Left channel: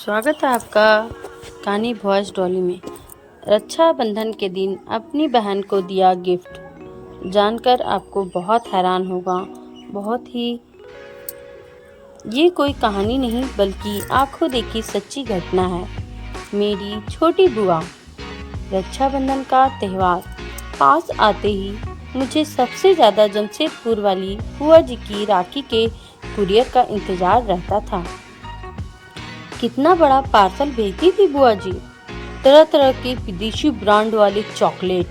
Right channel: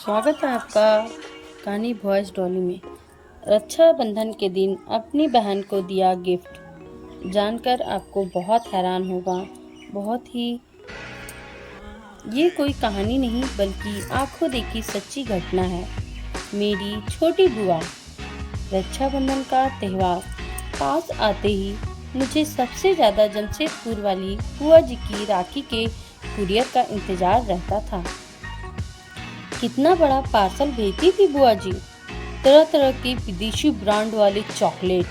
स्वागत है आपका कहानी वॉइस डॉली में। रक्षाबंधन के दिन अपनी बहन को दिया गिफ्ट जानकर आपको बहुत हैरान होगा। बहुत ही ये कोई कहानी नहीं बल्कि आंखों देखी सच्ची घटना है। मेरी छोटी बुआ। रक्षाबंधन का त्यौहार पास आते ही मुझे सबसे ज़्यादा जमशेदपुर वाली बुआ जी की राखी के कुरियर का इंतज़ार रहता था। कितना बड़ा पार्सल भेजती थी बुआ जी। तरह तरह के विदेशी ब्रांड वाले चॉकलेट,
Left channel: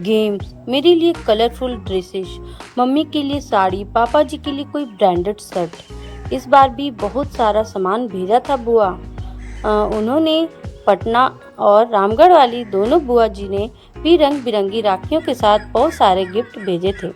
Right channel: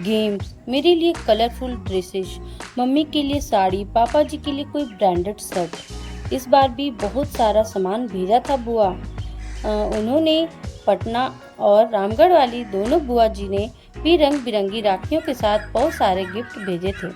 गेम्स, मेरे लिए कलरफुल ड्रेसेस, मम्मी के लिए साड़ी, पापा जी के लिए कोई ब्रांडेड शर्ट। इस बार भी बहुत सारा सामान भेजा था बुआ। उन्होंने पटना और रामगढ़ वाली दोनों बुआ जी ने भी रंग बिरंगी राखियों के साथ बहुत सारे गिफ्ट भेजे थे।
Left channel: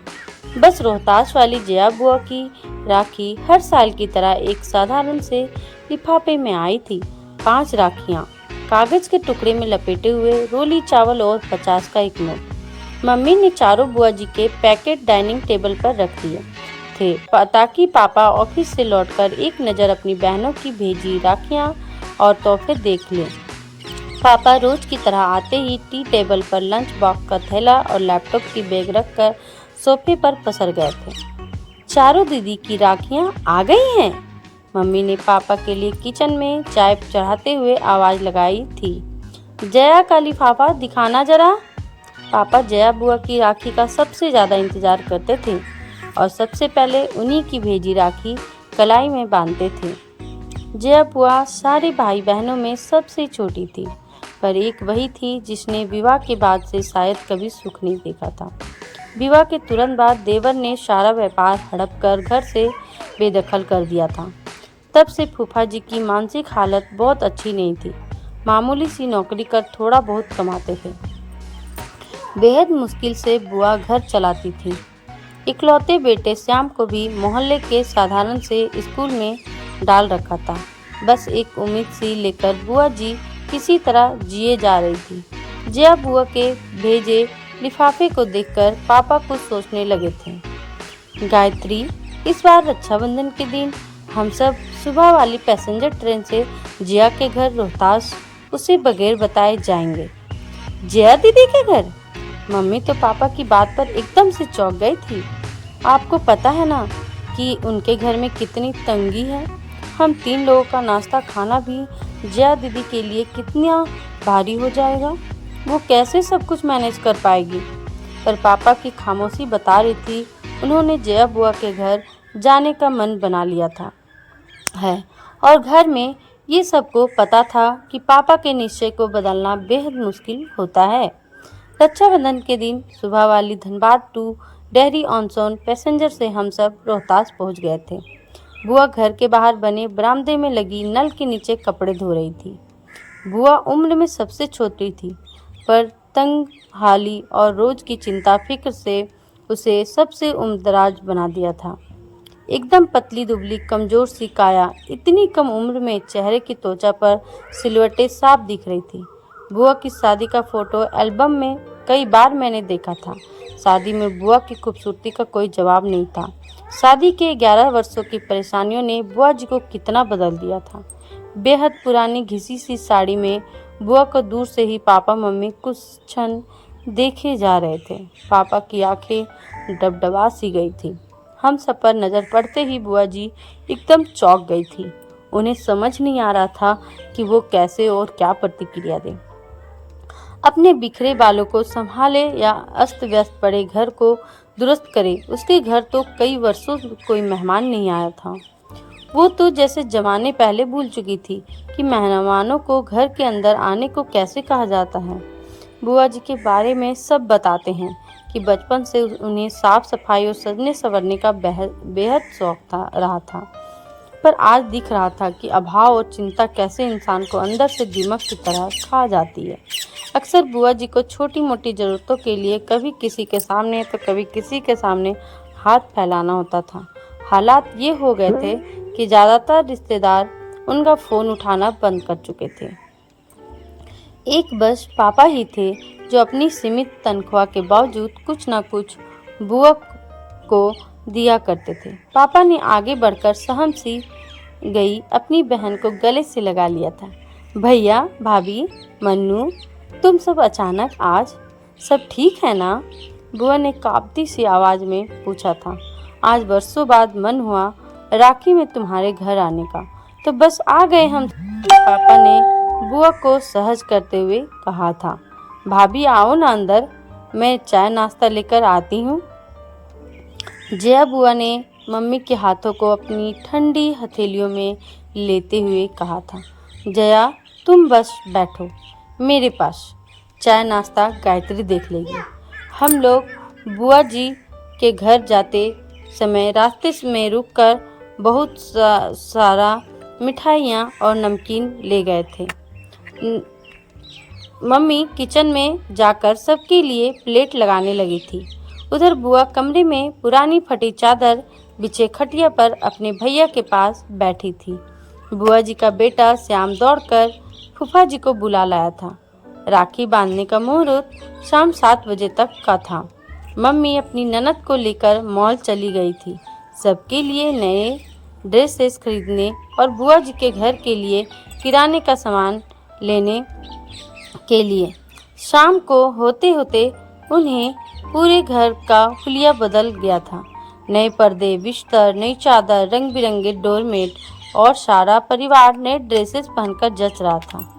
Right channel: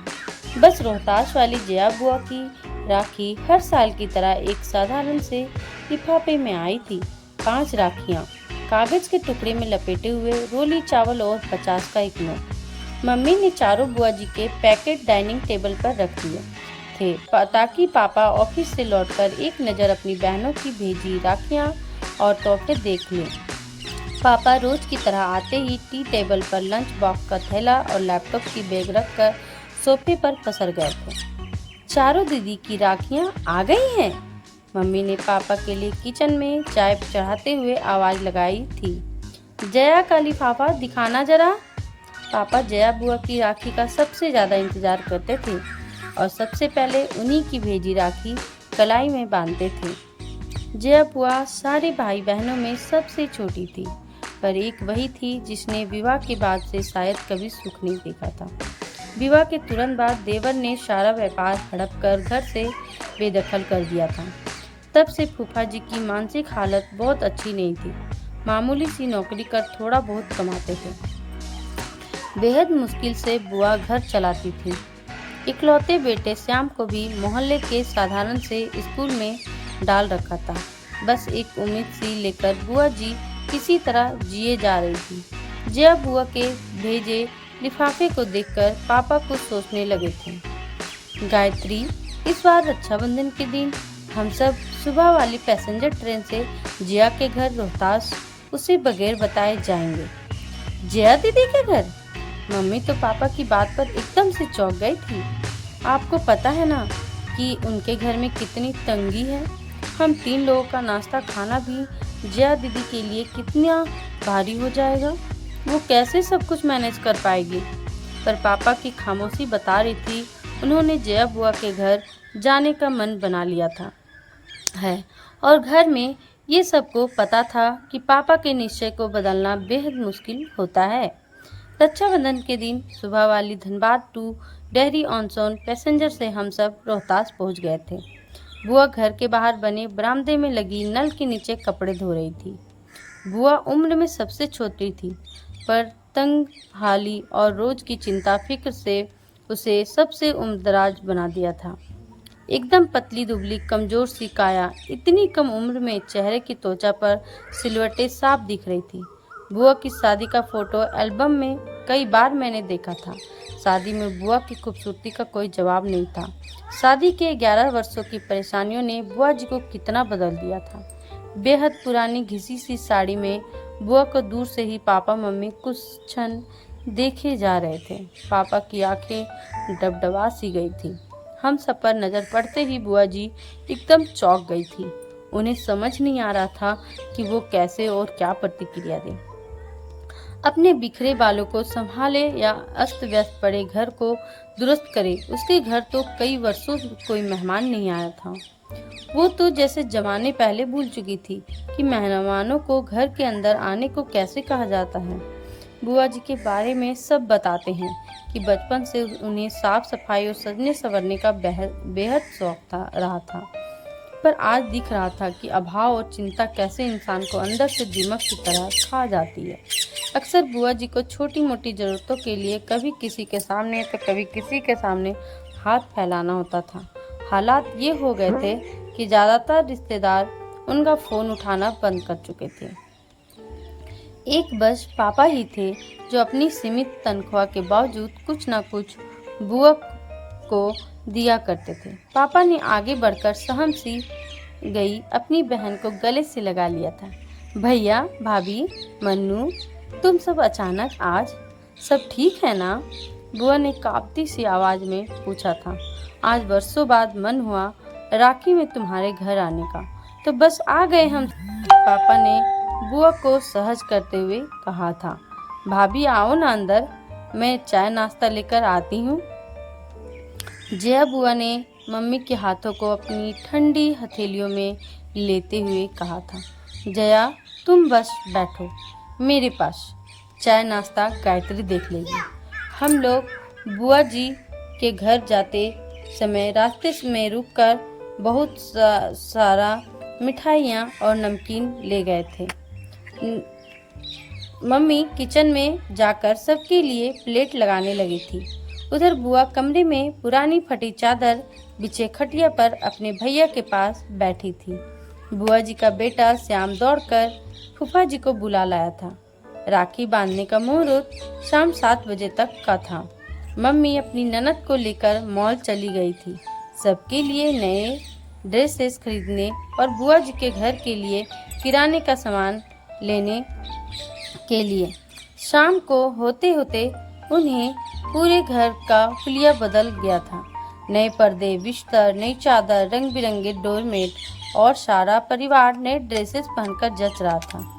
बस रोहतास वाली जया बुआ की राखी हर साल की तरह एक साधारण से लिफाफे में आई थी। 5 राखियां कागज के टुकड़े में लपेटे हुए, रोली चावल और 50 का एक नोट। मम्मी ने चारों बुआ जी के पैकेट डाइनिंग टेबल पर रख दिए थे ताकि पापा ऑफिस से लौटकर एक नज़र अपनी बहनों की भेजी राखियां और तोहफे देख लें। पापा रोज की तरह आते ही टी टेबल पर लंच बॉक्स का थैला और लैपटॉप की बैग रखकर सोफे पर पसर गए थे। चारों दीदी की राखियां आ गई हैं। मम्मी ने पापा के लिए किचन में चाय चढ़ाते हुए आवाज लगाई थी, जया का लिफाफा दिखाना जरा। पापा जया बुआ की राखी का सबसे ज्यादा इंतजार करते थे और सबसे पहले उन्हीं की भेजी राखी कलाई में बांधते थे। जया बुआ सारे भाई बहनों में सबसे छोटी थी, पर एक वही थी जिसने विवाह के बाद से शायद कभी सुख नहीं देखा था। विवाह के तुरंत बाद देवर ने सारा व्यापार हड़प कर घर से बेदखल कर दिया था। तब से फूफा जी की मानसिक हालत बहुत अच्छी नहीं थी। मामूली सी नौकरी कर थोड़ा बहुत कमाते थे। बेहद मुश्किल से बुआ घर चलाती थी। इकलौते बेटे श्याम को भी मोहल्ले के साधारण से स्कूल में डाल रखा था। बस एक उम्मीद सी लेकर बुआ जी किसी तरह जिए जा रही थी। जया बुआ के भेजे लिफाफे को देखकर पापा कुछ सोचने लगे थे। गायत्री, इस बार रक्षाबंधन के दिन हम सब सुबह वाली पैसेंजर ट्रेन से जया के घर रोहतास उसे बगैर बताए जाएंगे। जया दीदी के घर? मम्मी तो पापा की बात पर एकदम से चौंक गई थी। आपको पता है ना कि उनके घर में कितनी तंगी है। हम 3 लोगों का नाश्ता खाना भी जया दीदी के लिए कितना भारी हो जाएगा। वो कैसे सब कुछ मैनेज कर पाएगी। पर पापा की खामोशी बता रही थी उन्होंने जया बुआ के घर जाने का मन बना लिया था है और घर में ये सबको पता था कि पापा के निश्चय को बदलना बेहद मुश्किल होता है। रक्षाबंधन के दिन सुबह वाली धनबाद टू डेहरी ऑन सोन पैसेंजर से हम सब रोहतास पहुंच गए थे। बुआ घर के बाहर बने बरामदे में लगी नल के नीचे कपड़े धो रही थी। बुआ उम्र में सबसे छोटी थी, पर तंग हाली और रोज की चिंता फिक्र से उसे सबसे उम्रदराज बना दिया था। एकदम पतली दुबली कमजोर सी काया, इतनी कम उम्र में चेहरे की त्वचा पर सिलवटें साफ दिख रही थी। बुआ की शादी का फोटो एल्बम में कई बार मैंने देखा था। शादी में बुआ की खूबसूरती का कोई जवाब नहीं था। शादी के 11 वर्षों की परेशानियों ने बुआ जी को कितना बदल दिया था। बेहद पुरानी घिसी सी साड़ी में बुआ को दूर से ही पापा मम्मी कुछ क्षण देखे जा रहे थे। पापा की आंखें डबडबा सी गई थी। हम सब पर नजर पड़ते ही बुआ जी एकदम चौंक गई थी। उन्हें समझ नहीं आ रहा था कि वो कैसे और क्या प्रतिक्रिया दें। अपने बिखरे बालों को संभाले या अस्त व्यस्त पड़े घर को दुरुस्त करे। उसके घर तो कई वर्षों कोई मेहमान नहीं आया था। वो तो जैसे जमाने पहले भूल चुकी थी कि मेहमानों को घर के अंदर आने को कैसे कहा जाता है। बुआ जी के बारे में सब बताते हैं कि बचपन से उन्हें साफ सफाई और सजने संवरने का बेहद शौक रहा था। पर आज दिख रहा था कि अभाव और चिंता कैसे इंसान को अंदर से दीमक की तरह खा जाती है। अक्सर बुआ जी को छोटी मोटी ज़रूरतों के लिए कभी किसी के सामने तो कभी किसी के सामने हाथ फैलाना होता था। हालात ये हो गए थे कि ज़्यादातर रिश्तेदार उनका फ़ोन उठाना बंद कर चुके थे। एक बस पापा ही थे जो अपनी सीमित तनख्वाह के बावजूद कुछ न कुछ बुआ को दिया करते थे। पापा ने आगे बढ़कर सहम सी गई अपनी बहन को गले से लगा लिया था। भैया, भाभी, मन्नू, तुम सब अचानक आज, सब ठीक है ना? बुआ ने कांपती सी आवाज में पूछा था। आज बरसों बाद मन हुआ राखी में तुम्हारे घर आने का, तो बस आ गए हम, पापा ने बुआ को सहज करते हुए कहा था। भाभी आओ ना अंदर, मैं चाय नाश्ता लेकर आती हूँ। जया बुआ ने मम्मी के हाथों को अपनी ठंडी हथेलियों में लेते हुए कहा था। जया, तुम बस बैठो मेरे पास, चाय नाश्ता गायत्री देख लेगी। हम लोग बुआ जी के घर जाते समय रास्ते में रुककर बहुत सारा मिठाइयाँ और नमकीन ले गए थे। मम्मी किचन में जाकर सबके लिए प्लेट लगाने लगी थी। उधर बुआ कमरे में पुरानी फटी चादर बिछे खटिया पर अपने भैया के पास बैठी थी। बुआ जी का बेटा श्याम दौड़कर फूफा जी को बुला लाया था। राखी बांधने का मुहूर्त शाम 7 बजे तक का था। मम्मी अपनी ननद को लेकर मॉल चली गई थी, सबके लिए नए ड्रेसेस खरीदने और बुआ जी के घर के लिए किराने का सामान लेने के लिए। शाम को होते होते उन्हें पूरे घर का हुलिया बदल गया था। नए पर्दे, बिस्तर, नई चादर, रंग बिरंगे डोरमेट और सारा परिवार नए ड्रेसेस पहनकर जच रहा था।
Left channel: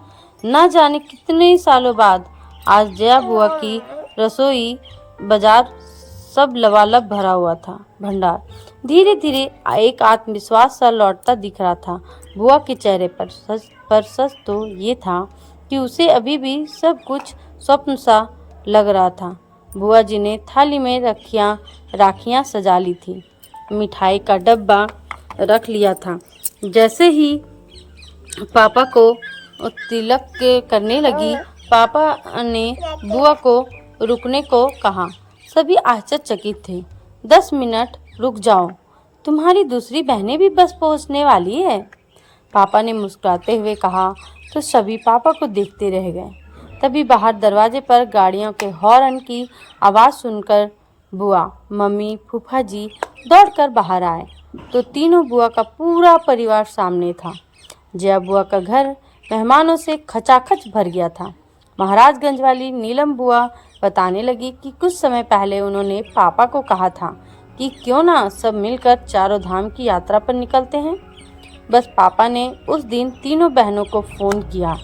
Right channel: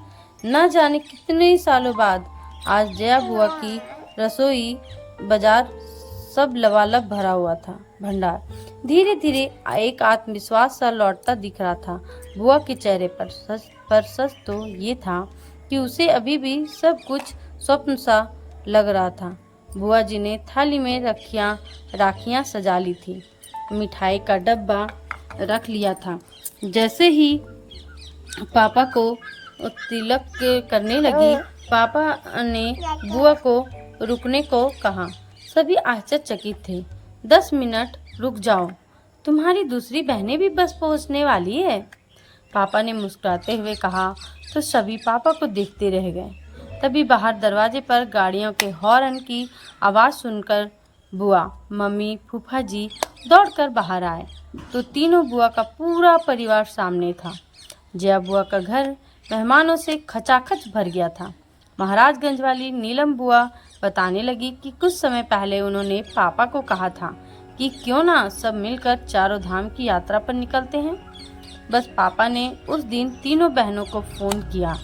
न जाने कितने सालों बाद आज जया बुआ की रसोई बाजार सब लबालब भरा हुआ था। भंडार धीरे धीरे एक आत्मविश्वास सा लौटता दिख रहा था बुआ के चेहरे पर। सच तो ये था कि उसे अभी भी सब कुछ स्वप्न सा लग रहा था। बुआ जी ने थाली में राखियाँ सजा ली थी, मिठाई का डब्बा रख लिया था। जैसे ही पापा को तिलक करने लगी, पापा ने बुआ को रुकने को कहा। सभी आश्चर्यचकित थे। 10 मिनट रुक जाओ, तुम्हारी दूसरी बहनें भी बस पहुंचने वाली है, पापा ने मुस्कुराते हुए कहा। तो सभी पापा को देखते रह गए। तभी बाहर दरवाजे पर गाड़ियों के हॉर्न की आवाज़ सुनकर बुआ, मम्मी, फूफा जी दौड़कर बाहर आए तो तीनों बुआ का पूरा परिवार सामने था। जया बुआ का घर मेहमानों से खचाखच भर गया था। महाराजगंज वाली नीलम बुआ बताने लगी कि कुछ समय पहले उन्होंने पापा को कहा था कि क्यों ना सब मिलकर चारों धाम की यात्रा पर निकलते हैं। बस पापा ने उस दिन तीनों बहनों को फोन किया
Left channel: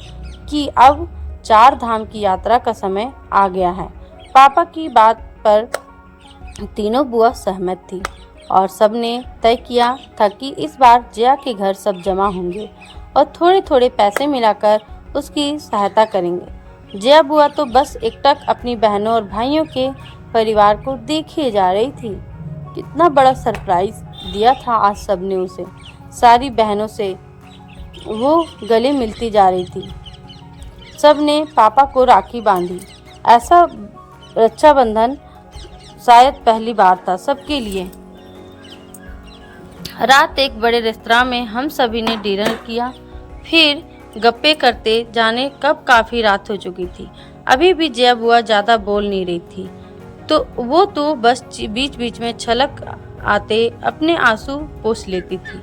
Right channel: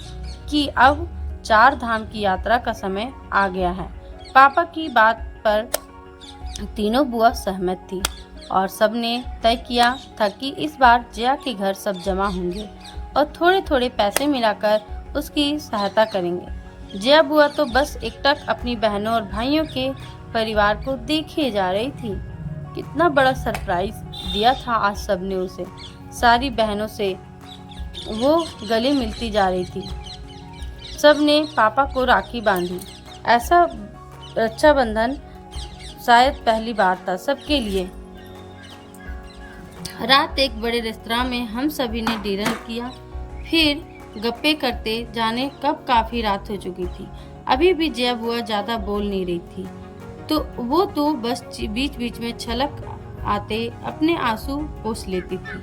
कि अब 4 धाम की यात्रा का समय आ गया है। पापा की बात पर तीनों बुआ सहमत थी और सबने तय किया था कि इस बार जया के घर सब जमा होंगे और थोड़े थोड़े पैसे मिलाकर उसकी सहायता करेंगे। जया बुआ तो बस एकटक अपनी बहनों और भाइयों के परिवार को देखे जा रही थी। कितना बड़ा सरप्राइज दिया था आज सबने उसे। सारी बहनों से वो गले मिलती जा रही थी। सब ने पापा को राखी बांधी। ऐसा रक्षाबंधन शायद पहली बार था सबके लिए। रात एक बड़े रेस्तरां में हम सभी ने डिनर किया, फिर गप्पे करते जाने कब काफ़ी रात हो चुकी थी। अभी भी जया बुआ ज़्यादा बोल नहीं रही थी, तो वो तो बस बीच बीच में छलक आते अपने आंसू पोंछ लेती थी।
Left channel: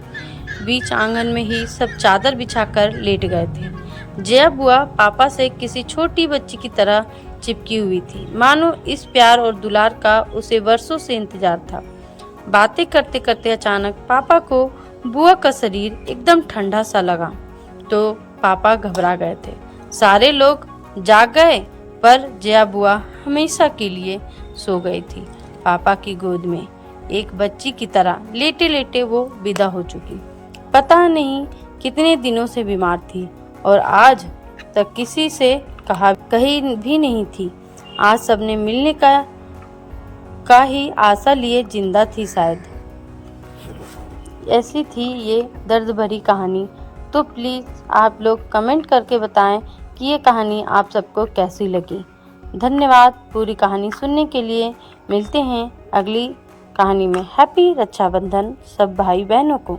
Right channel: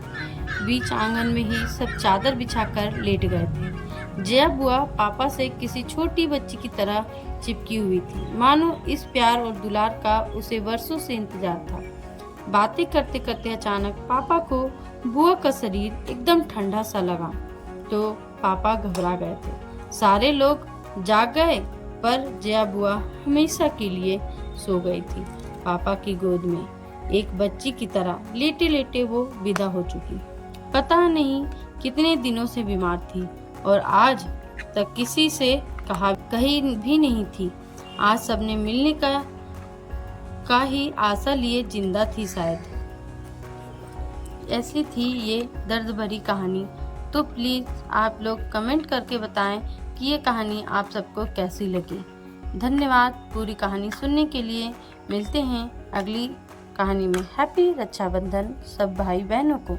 बीच आंगन में ही सब चादर बिछाकर लेट गए थे। जया बुआ पापा से किसी छोटी बच्ची की तरह चिपकी हुई थी, मानो इस प्यार और दुलार का उसे वर्षों से इंतजार था। बातें करते करते अचानक पापा को बुआ का शरीर एकदम ठंडा सा लगा तो पापा घबरा गए थे। सारे लोग जाग गए पर जया बुआ हमेशा के लिए सो गई थी। पापा की गोद में एक बच्ची की तरह लेटे लेटे वो विदा हो चुकी। पता नहीं कितने दिनों से बीमार थी और आज तक किसी से कहीं भी नहीं थी। आज सबने मिलने का ही आशा लिए जिंदा थी शायद। ऐसी थी ये दर्द भरी कहानी। तो प्लीज़ आप लोग कमेंट करके बताएं कि ये कहानी आप सबको कैसी लगी। धन्यवाद पूरी कहानी सुनने के लिए। मिलते हैं अगली कहानी में। हैप्पी रक्षाबंधन सब भाई बहनों को।